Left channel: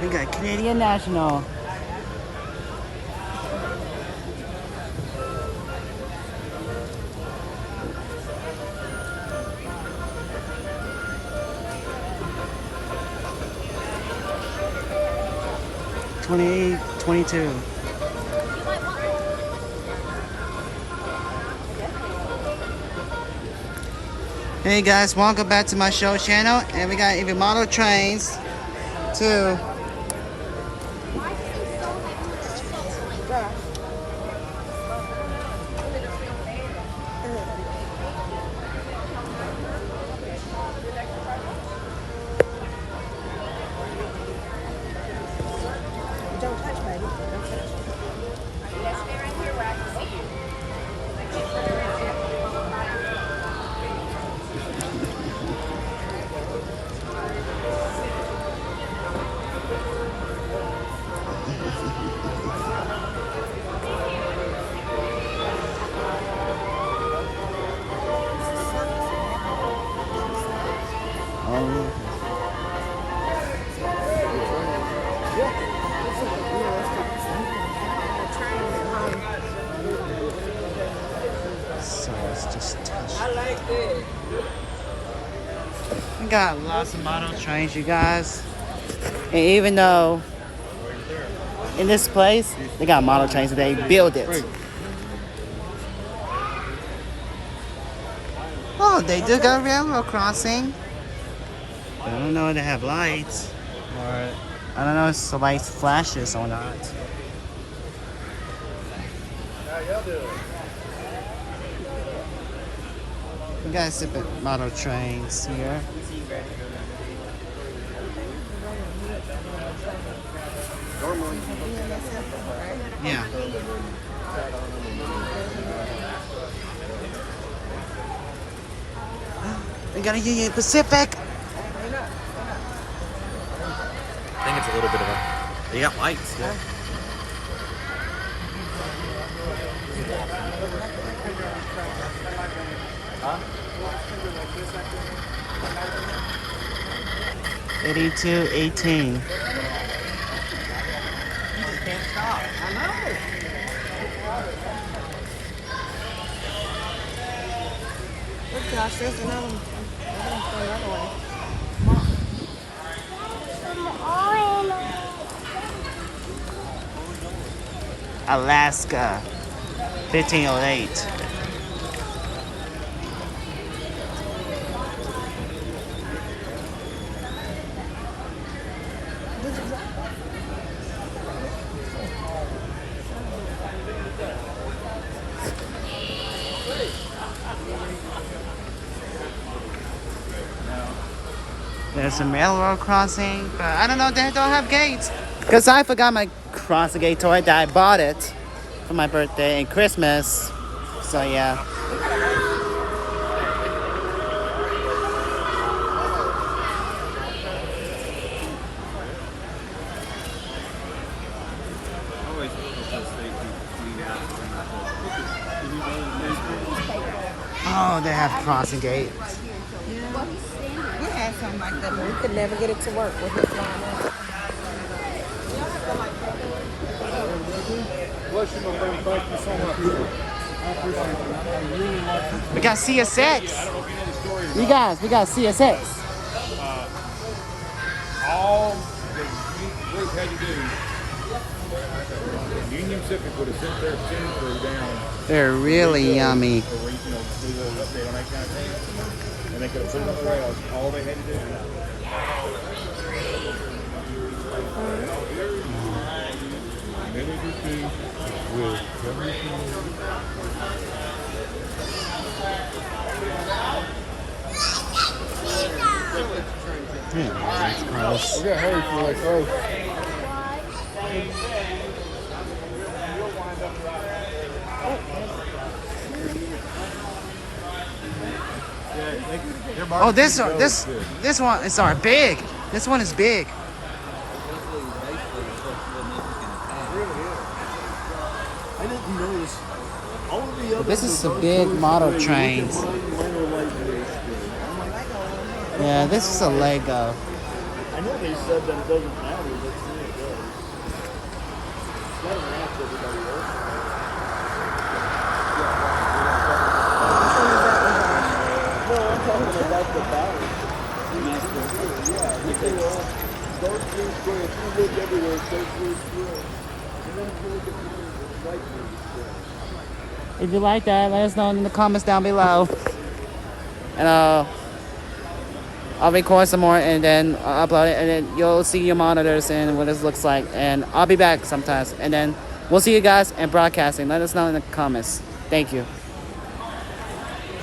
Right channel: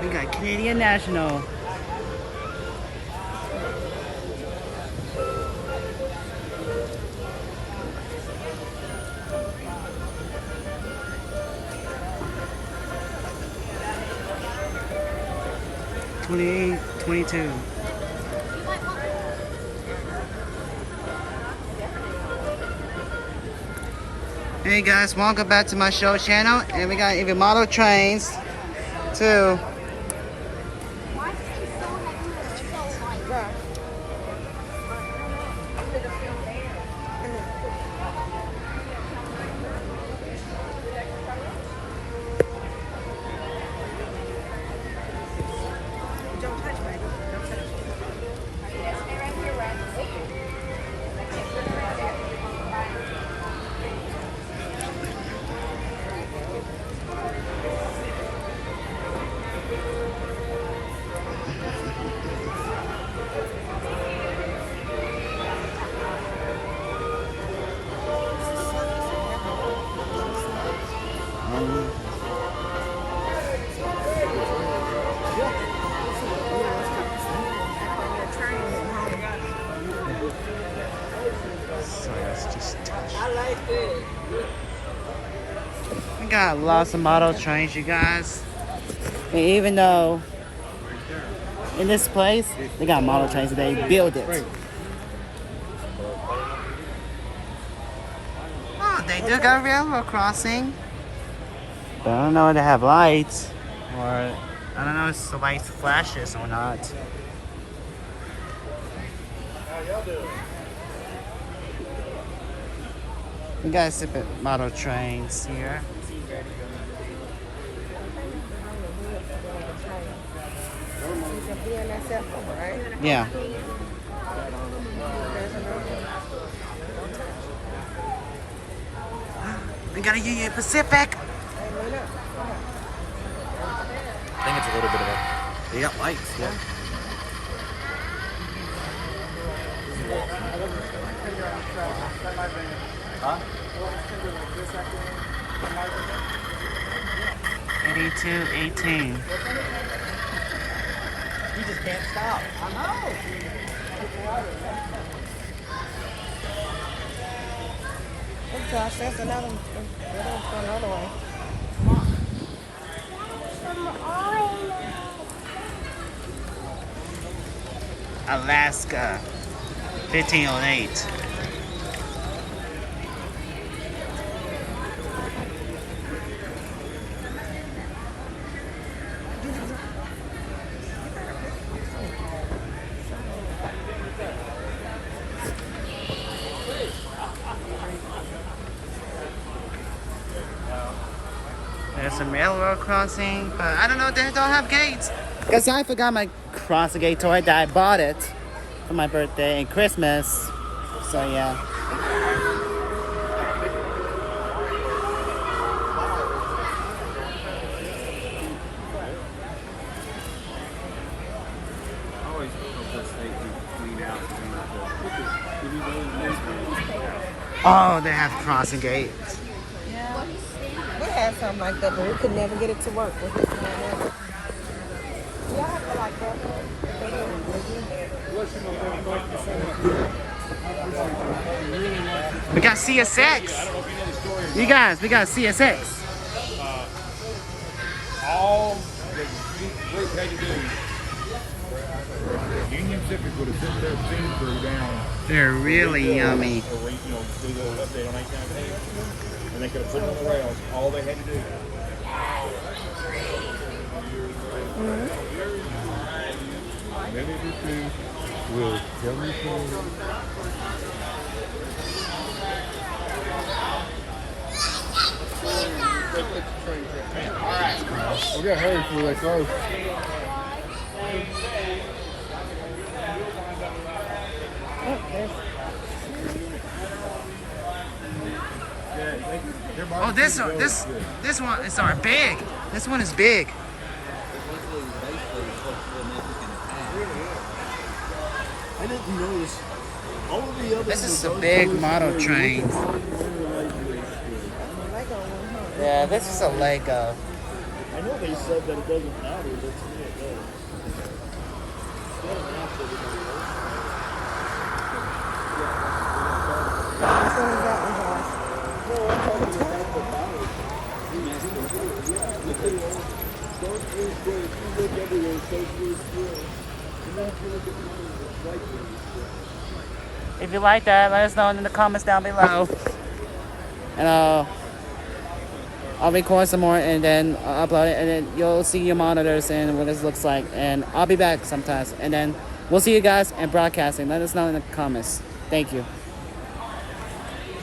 We got Canadian National. $28, $22. Hey guys, welcome back to my show channel, and we got even model trains too. We got lots of model trains, you guys. And even though in this place they got model trains, they build it. Oh, they do got railroad crossing. But I don't know if they have lights, or I don't know if the lights flashes or not. We got different model trains here. Yeah. We got a Union Pacific. I think it's a little bit of a... They got lights, yeah. Huh? 8218. Alaska 1508. There's a railroad crossing, but I don't know, they don't have gates. Because I forgot my crossing gate toy that I bought it for my birthday and Christmas. So yeah. Oh, they have crossing gates. We have something like that, but we could never get it to work with it flying up. We got CSX. You guys, we got CSX. All the group had to do, Union Pacific would have sent their team crew down. They're really yummy. And they could have put it on the rails. All they had to do. We got hurry for like hurry. Oh, this one is big. This one is big. I didn't notice all of the other. This is a big model trains. Yeah, this is a Lego. I know they said that it doesn't matter. Which one is that one, Josh? If you like that, let us know in the comments down below. And I'll record some more and then upload it, and then you'll see your monitors and what this looks like. And I'll be back sometimes. And then we'll see you guys in broadcasting. Let us know in the comments. Thank you.